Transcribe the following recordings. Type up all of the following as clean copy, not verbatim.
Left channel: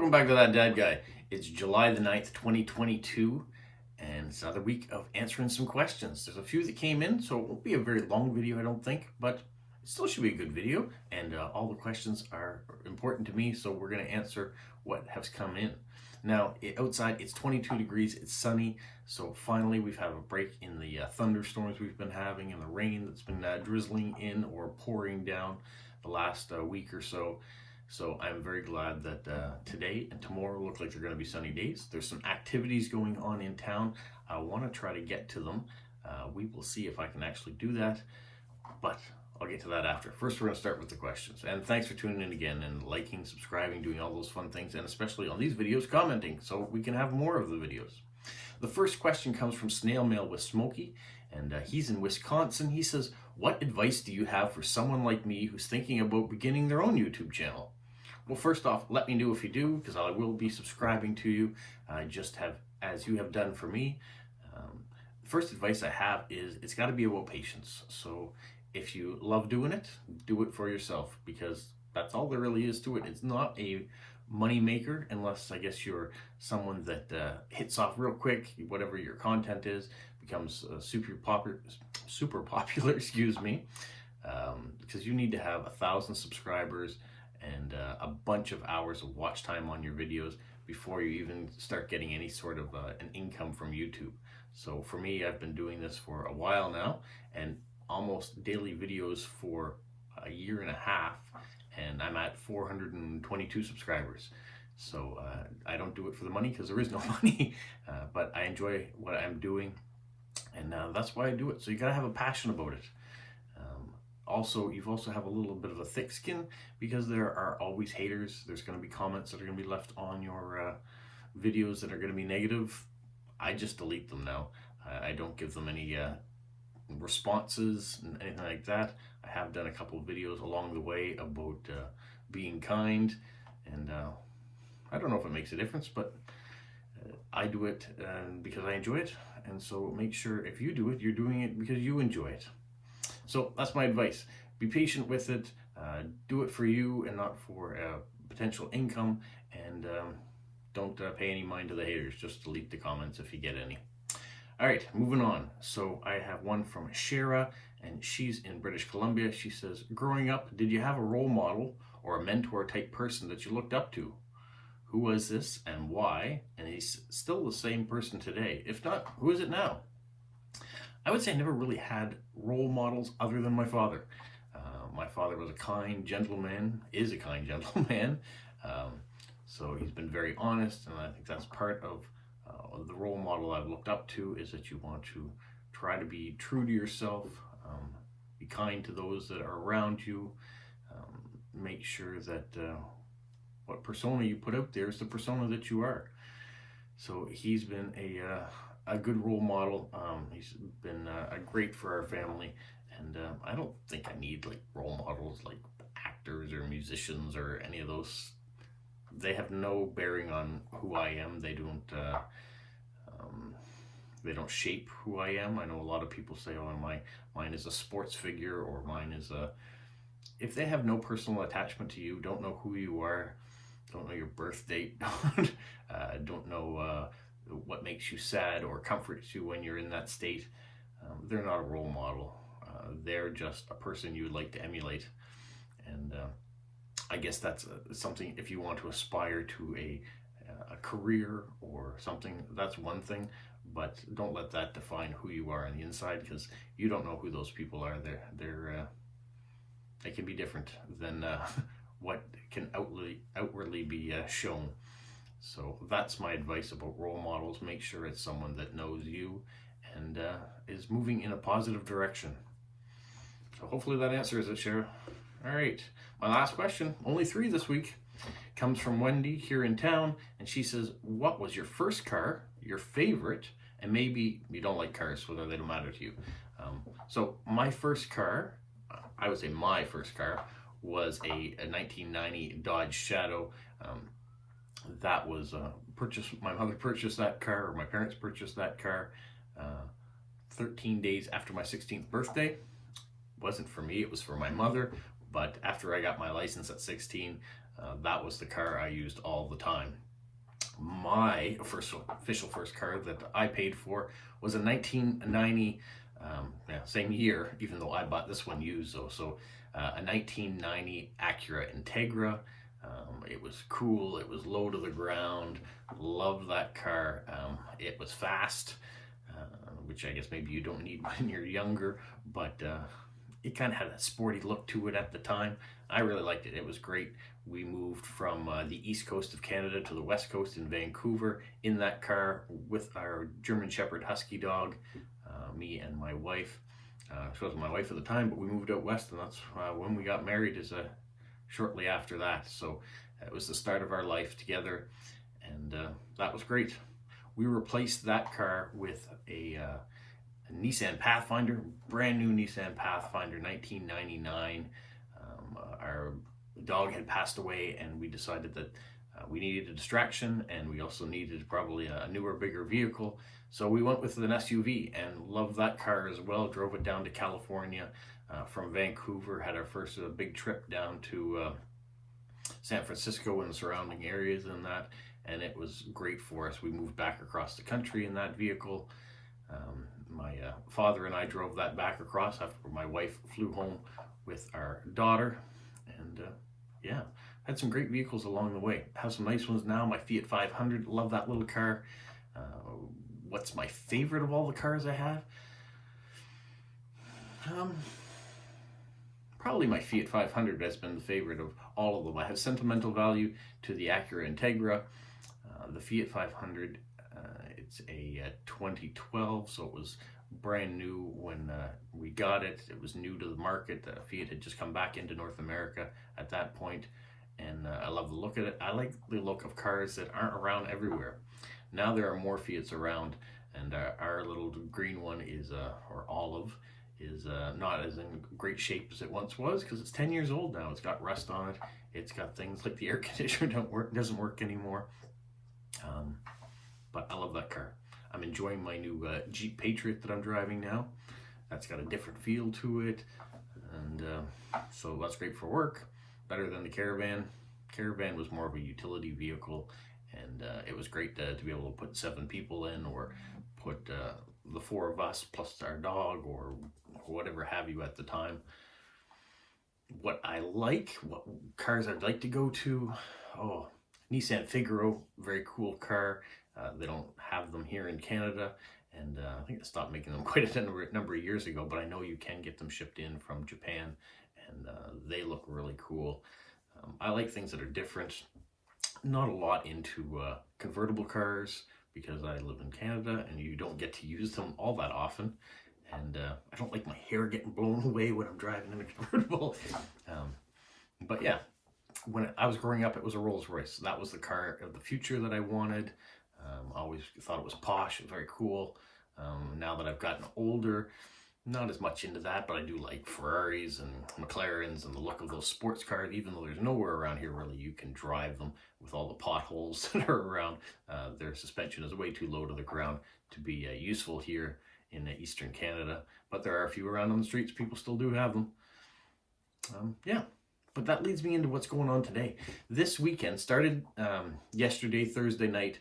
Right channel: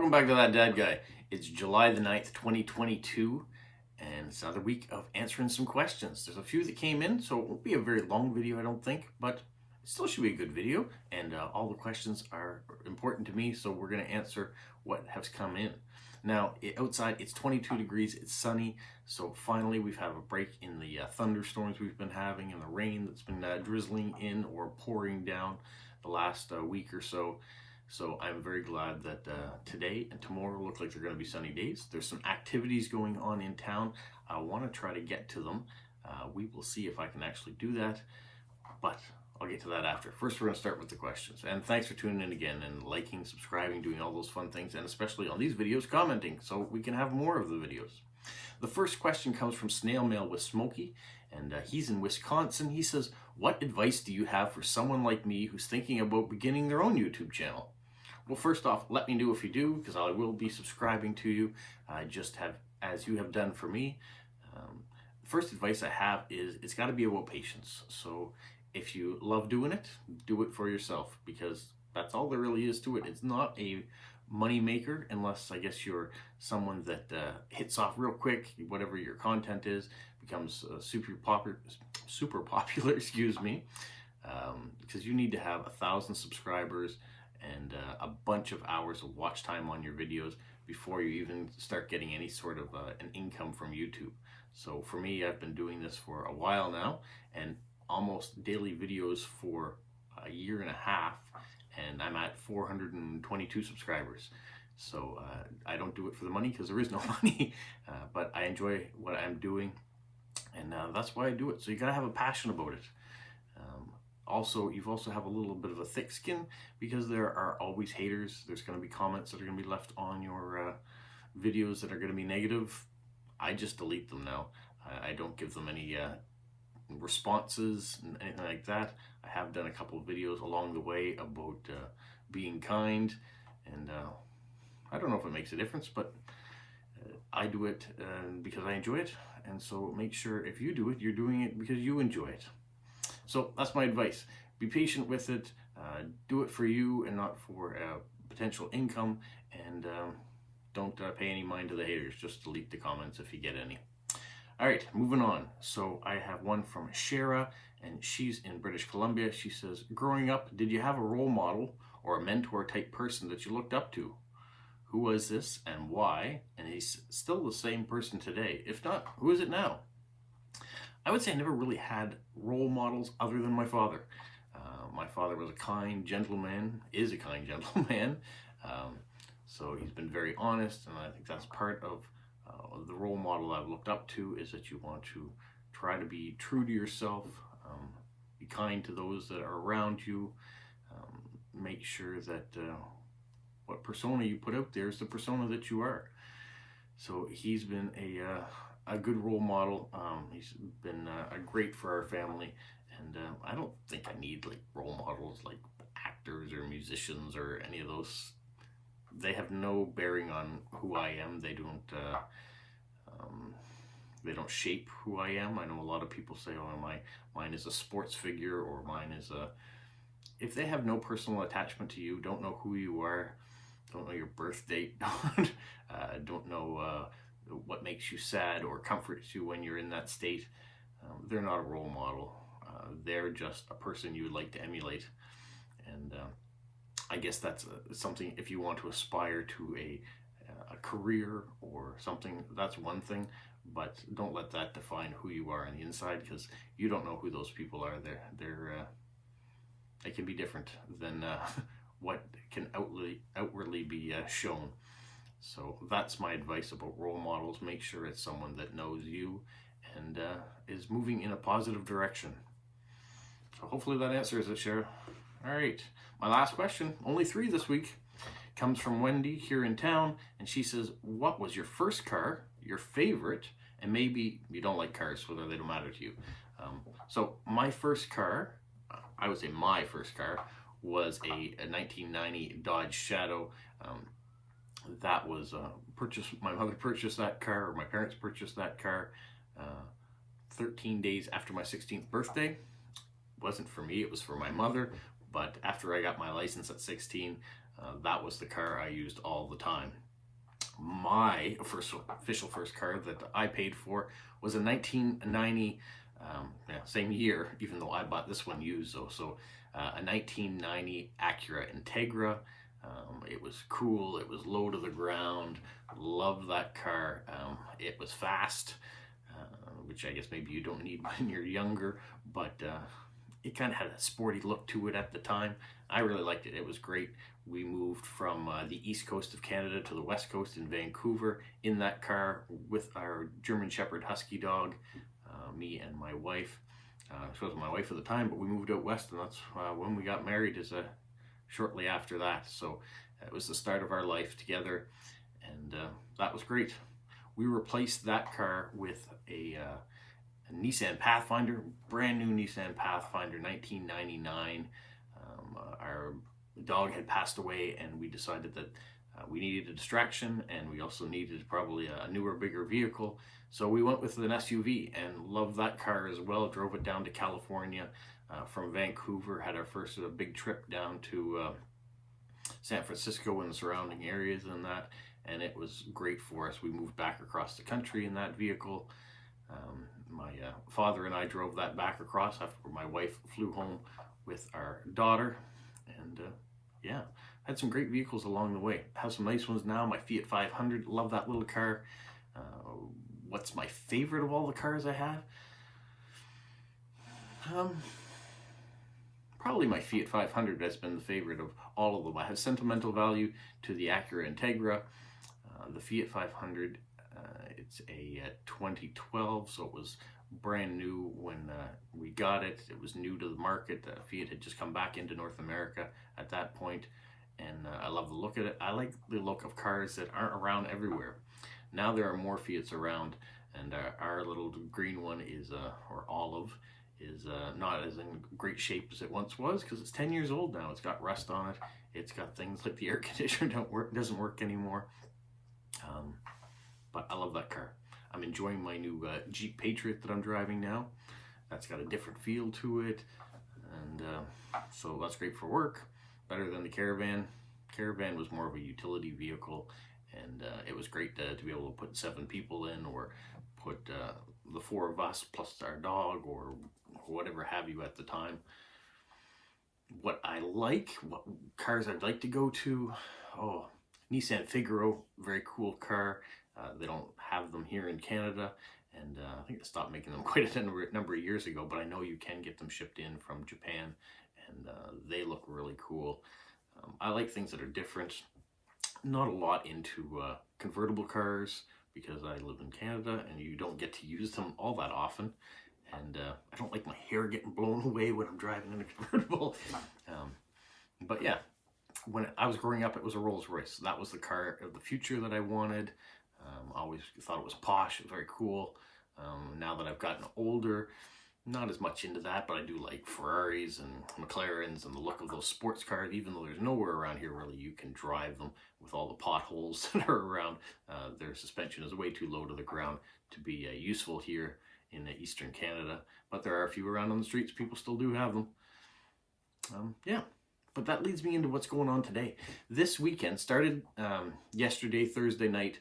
Welcome back to That Dad Guy. It's July the 9th, 2022, and it's another week of answering some questions. There's a few that came in, so it won't be a very long video, I don't think, but it still should be a good video, and all the questions are important to me, so we're going to answer what has come in. Now, outside, it's 22 degrees, it's sunny, so finally we've had a break in the thunderstorms we've been having and the rain that's been drizzling in or pouring down the last week or so. So I'm very glad that today and tomorrow look like they're going to be sunny days. There's some activities going on in town. I want to try to get to them. We will see if I can actually do that, but I'll get to that after. First, we're going to start with the questions. And thanks for tuning in again and liking, subscribing, doing all those fun things, and especially on these videos, commenting so we can have more of the videos. The first question comes from Snail Mail with Smokey, and he's in Wisconsin. He says, what advice do you have for someone like me who's thinking about beginning their own YouTube channel? Well, first off, let me know if you do, because I will be subscribing to you, just as you have done for me. The first advice I have is it's got to be about patience. So if you love doing it, do it for yourself, because that's all there really is to it. It's not a money maker unless, I guess, you're someone that hits off real quick. Whatever your content is becomes super popular, excuse me, because you need to have 1,000 subscribers and a bunch of hours of watch time on your videos before you even start getting any sort of an income from YouTube. So for me, I've been doing this for a while now, and almost daily videos for a year and a half, and I'm at 422 subscribers. So I don't do it for the money, because there is no money, but I enjoy what I'm doing, and that's why I do it. So you gotta have a passion about it. Also, you also have a little bit of a thick skin, because there are always haters. There's going to be comments that are going to be left on your videos that are going to be negative. I just delete them now. I don't give them any responses and anything like that. I have done a couple of videos along the way about being kind, and I don't know if it makes a difference, but I do it because I enjoy it, and so make sure if you do it, you're doing it because you enjoy it. So that's my advice. Be patient with it. Do it for you and not for potential income. And don't pay any mind to the haters. Just delete the comments if you get any. All right, moving on. So I have one from Shara, and she's in British Columbia. She says, growing up, did you have a role model or a mentor type person that you looked up to? Who was this and why? And he's still the same person today. If not, who is it now? I would say I never really had role models other than my father. My father was a kind gentleman, is a kind gentleman. So he's been very honest, and I think that's part of the role model I've looked up to, is that you want to try to be true to yourself, be kind to those that are around you, make sure that what persona you put out there is the persona that you are. So he's been a good role model. He's been great for our family, and I don't think I need like role models like actors or musicians or any of those. They have no bearing on who I am. They don't shape who I am. I know a lot of people say, oh, mine is a sports figure, or mine is a... If they have no personal attachment to you, don't know who you are, don't know your birth date, don't know what makes you sad or comforts you when you're in that state, they're not a role model. They're just a person you would like to emulate. And I guess that's something, if you want to aspire to a career or something, that's one thing, but don't let that define who you are on the inside, because you don't know who those people are. They can be different than what can outwardly be shown. So that's my advice about role models. Make sure it's someone that knows you and is moving in a positive direction. So hopefully that answers it, Shara. All right, my last question, only 3 this week, comes from Wendy here in town, and she says, what was your first car, your favorite, and maybe you don't like cars, so they don't matter to you. So my first car, I would say my first car, was a 1990 Dodge Shadow. That was purchased, my mother purchased that car, or my parents purchased that car 13 days after my 16th birthday. It wasn't for me, it was for my mother, but after I got my license at 16, that was the car I used all the time. My official first car that I paid for was a 1990, same year, even though I bought this one used though. So a 1990 Acura Integra. It was cool. It was low to the ground. Loved that car. It was fast, which I guess maybe you don't need when you're younger, but it kind of had a sporty look to it at the time. I really liked it. It was great. We moved from the east coast of Canada to the west coast in Vancouver in that car with our German Shepherd Husky dog, me and my wife. She wasn't my wife at the time, but we moved out west, and that's when we got married, is shortly after that. So it was the start of our life together, and that was great. We replaced that car with a Nissan Pathfinder, brand new Nissan Pathfinder, 1999. Our dog had passed away, and we decided that we needed a distraction, and we also needed probably a newer, bigger vehicle. So we went with an SUV and loved that car as well. Drove it down to California from Vancouver, had our first big trip down to San Francisco and the surrounding areas and it was great for us. We moved back across the country in that vehicle. My father and I drove that back across after my wife flew home with our daughter, and yeah, had some great vehicles along the way. Have some nice ones now. My Fiat 500, love that little car. What's my favorite of all the cars I have? Probably my Fiat 500 has been the favorite of all of them. I have sentimental value to the Acura Integra. The Fiat 500, it's a 2012, so it was brand new when we got it. It was new to the market. Fiat had just come back into North America at that point, and I love the look of it. I like the look of cars that aren't around everywhere. Now there are more Fiats around, and our little green one is, or olive, is not as in great shape as it once was, because it's 10 years old now. It's got rust on it. It's got things like the air conditioner doesn't work anymore. But I love that car. I'm enjoying my new Jeep Patriot that I'm driving now. That's got a different feel to it, and so that's great for work. Better than the Caravan. Caravan was more of a utility vehicle, and it was great to be able to put 7 people in, or put the 4 of us plus our dog, or whatever have you at the time. What I like, what cars I'd like to go to, Nissan Figaro, very cool car. They don't have them here in Canada, and I think they stopped making them quite a number of years ago, but I know you can get them shipped in from Japan, and they look really cool. I like things that are different. Not a lot into convertible cars, because I live in Canada and you don't get to use them all that often, and I don't like my hair getting blown away when I'm driving in a convertible. But yeah, when I was growing up, it was a Rolls Royce. That was the car of the future that I wanted. Always thought it was posh, it was very cool. Now that I've gotten older, not as much into that, but I do like Ferraris and McLarens and the look of those sports cars, even though there's nowhere around here really you can drive them with all the potholes that are around. Their suspension is way too low to the ground to be useful here in Eastern Canada, but there are a few around on the streets. People still do have them. Yeah. But that leads me into what's going on today. This weekend started yesterday, Thursday night.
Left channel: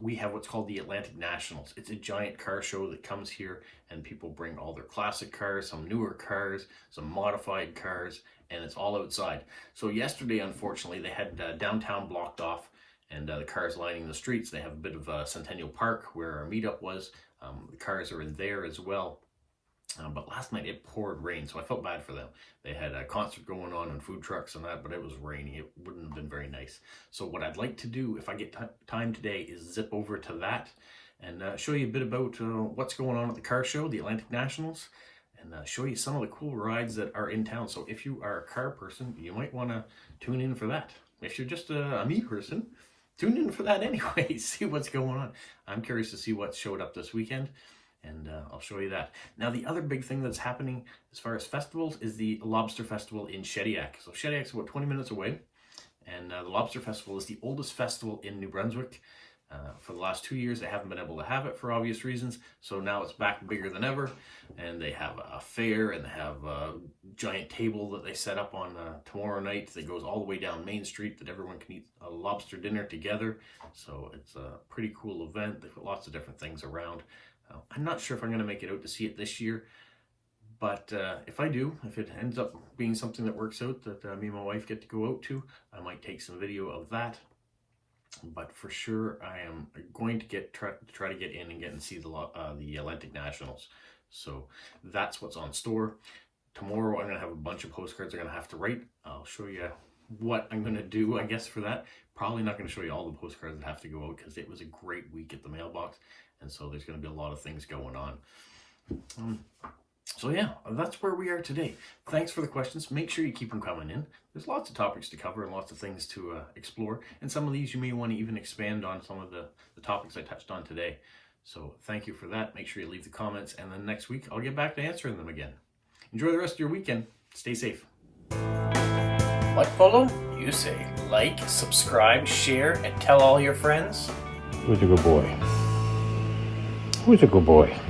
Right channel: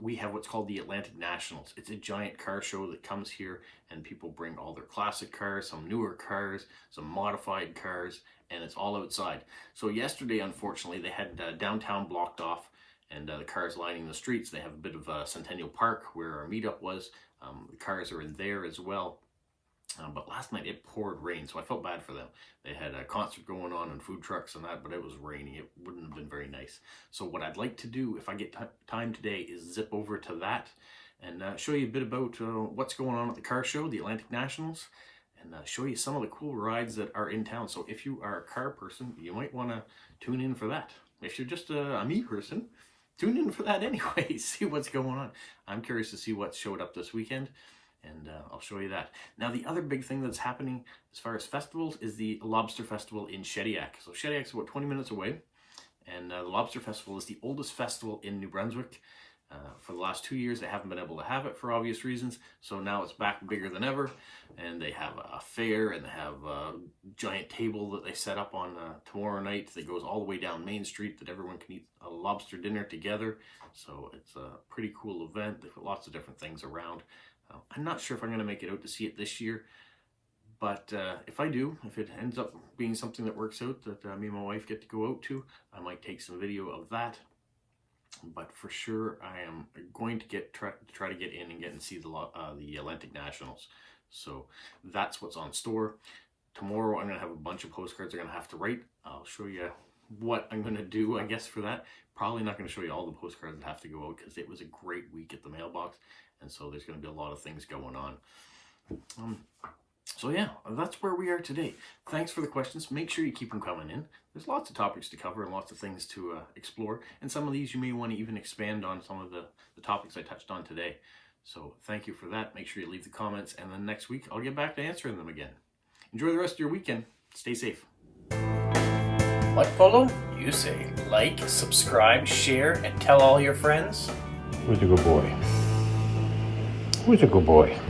We have what's called the Atlantic Nationals. It's a giant car show that comes here, and people bring all their classic cars, some newer cars, some modified cars, and it's all outside. So yesterday, unfortunately, they had downtown blocked off, and the cars lining the streets. They have a bit of Centennial Park where our meetup was. The cars are in there as well. But last night it poured rain, so I felt bad for them. They had a concert going on and food trucks and that, but it was raining. It wouldn't have been very nice. So what I'd like to do, if I get time today, is zip over to that and show you a bit about what's going on at the car show, the Atlantic Nationals, and show you some of the cool rides that are in town. So if you are a car person, you might want to tune in for that. If you're just a me person, tune in for that anyway. See what's going on. I'm curious to see what showed up this weekend, and I'll show you that. Now, the other big thing that's happening as far as festivals is the Lobster Festival in Shediac. So Shediac's about 20 minutes away, and the Lobster Festival is the oldest festival in New Brunswick. For the last 2 years, they haven't been able to have it for obvious reasons. So now it's back bigger than ever. And they have a fair, and they have a giant table that they set up on tomorrow night that goes all the way down Main Street that everyone can eat a lobster dinner together. So it's a pretty cool event. They've got lots of different things around. I'm not sure if I'm going to make it out to see it this year. But if I do, if it ends up being something that works out that me and my wife get to go out to, I might take some video of that. But for sure, I am going to try to get in and get and see the Atlantic Nationals. So that's what's on store. Tomorrow, I'm going to have a bunch of postcards I'm going to have to write. I'll show you what I'm going to do, I guess, for that. Probably not going to show you all the postcards that have to go out because it was a great week at the mailbox. And so there's going to be a lot of things going on. So yeah, that's where we are today. Thanks for the questions. Make sure you keep them coming in. There's lots of topics to cover and lots of things to explore. And some of these you may want to even expand on some of the topics I touched on today. So thank you for that. Make sure you leave the comments. And then next week, I'll get back to answering them again. Enjoy the rest of your weekend. Stay safe. What, Polo? You say like, subscribe, share, and tell all your friends? Who's a good boy? Who's a good boy?